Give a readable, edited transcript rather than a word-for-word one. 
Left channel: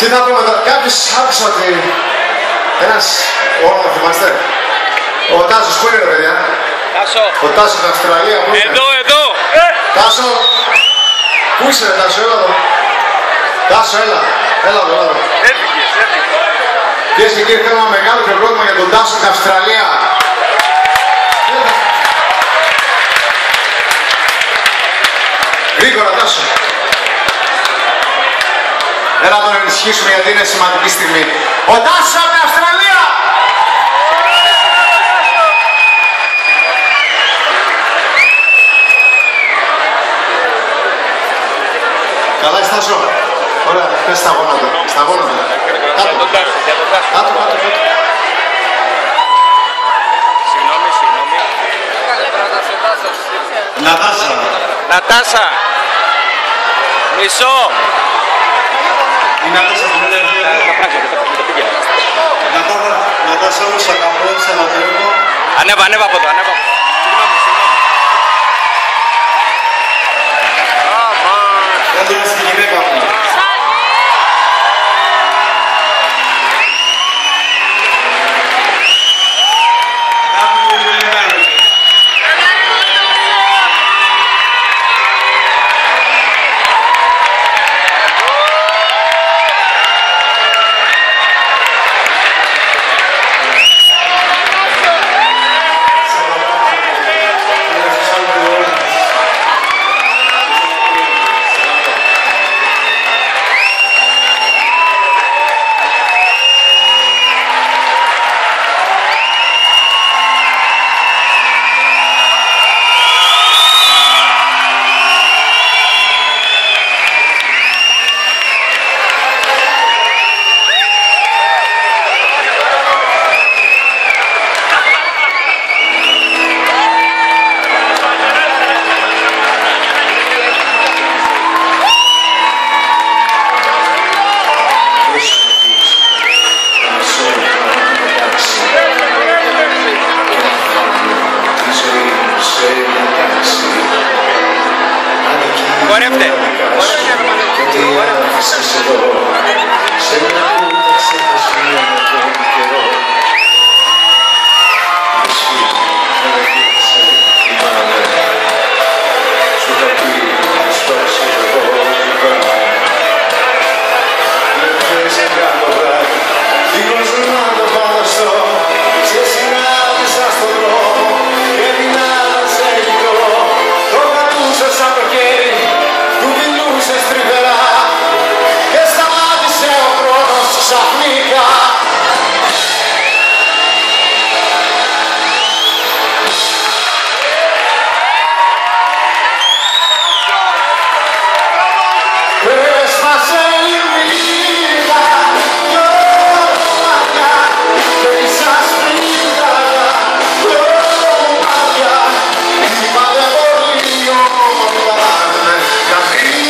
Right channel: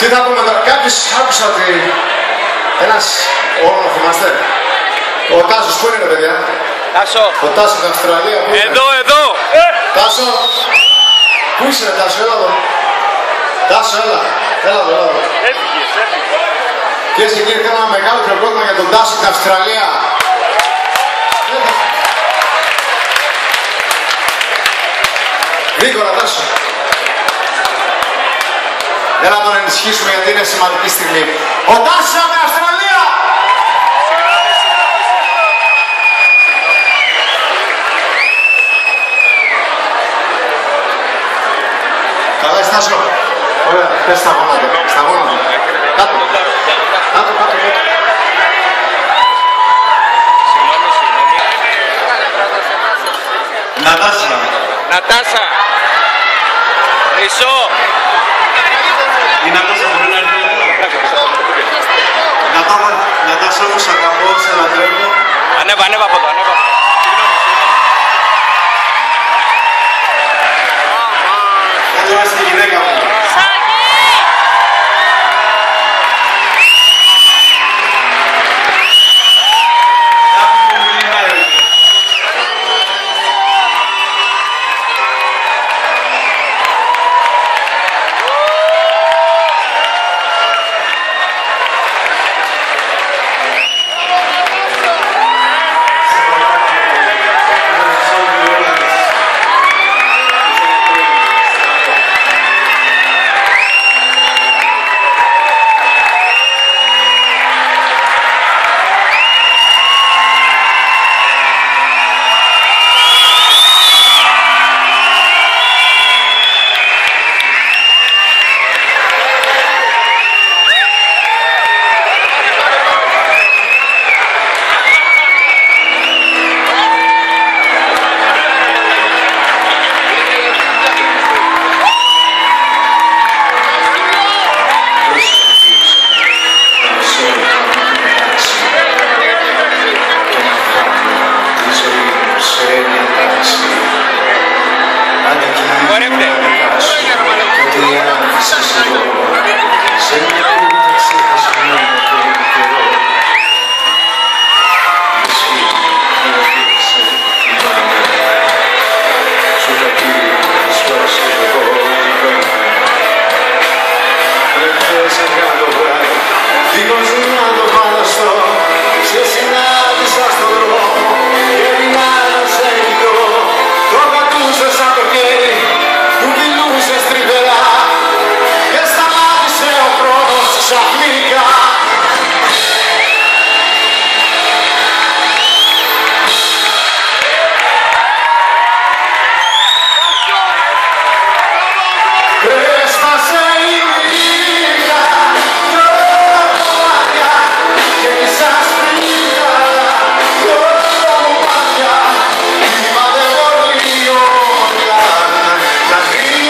Τι θα πούμε τώρα, κάποιος άκουσα ότι ένας όρο να θυμάστε. Ο Τάσος πού είναι ρε παιδιά? Τάσο. Ο Τάσος στην Αυστραλία πού είναι? Εδώ. Τάσο. Πού είσαι ρε Τάσο, έλα εδώ. Τάσο, έλα εδώ. Έφυγες. Κυρίες και κύριοι, κάνουμε ένα μεγάλο πρόγραμμα για τον Τάσο στην Αυστραλία. Γρήγορα Τάσο. Έλα να τον ενισχύσουμε γιατί είναι σημαντική στιγμή. Ο Τάσος από την Αυστραλία! Καλά είσαι Τάσο. Ωραία, πες στα γόνατα. Κάτω. Συγγνώμη. Νατάσα. Μισό. Η Νατάσα μπορεί να έρθει εδώ. Νατάσα, εγώ σ' αγαπώ, σε λατρεύω. Ανέβα από εδώ.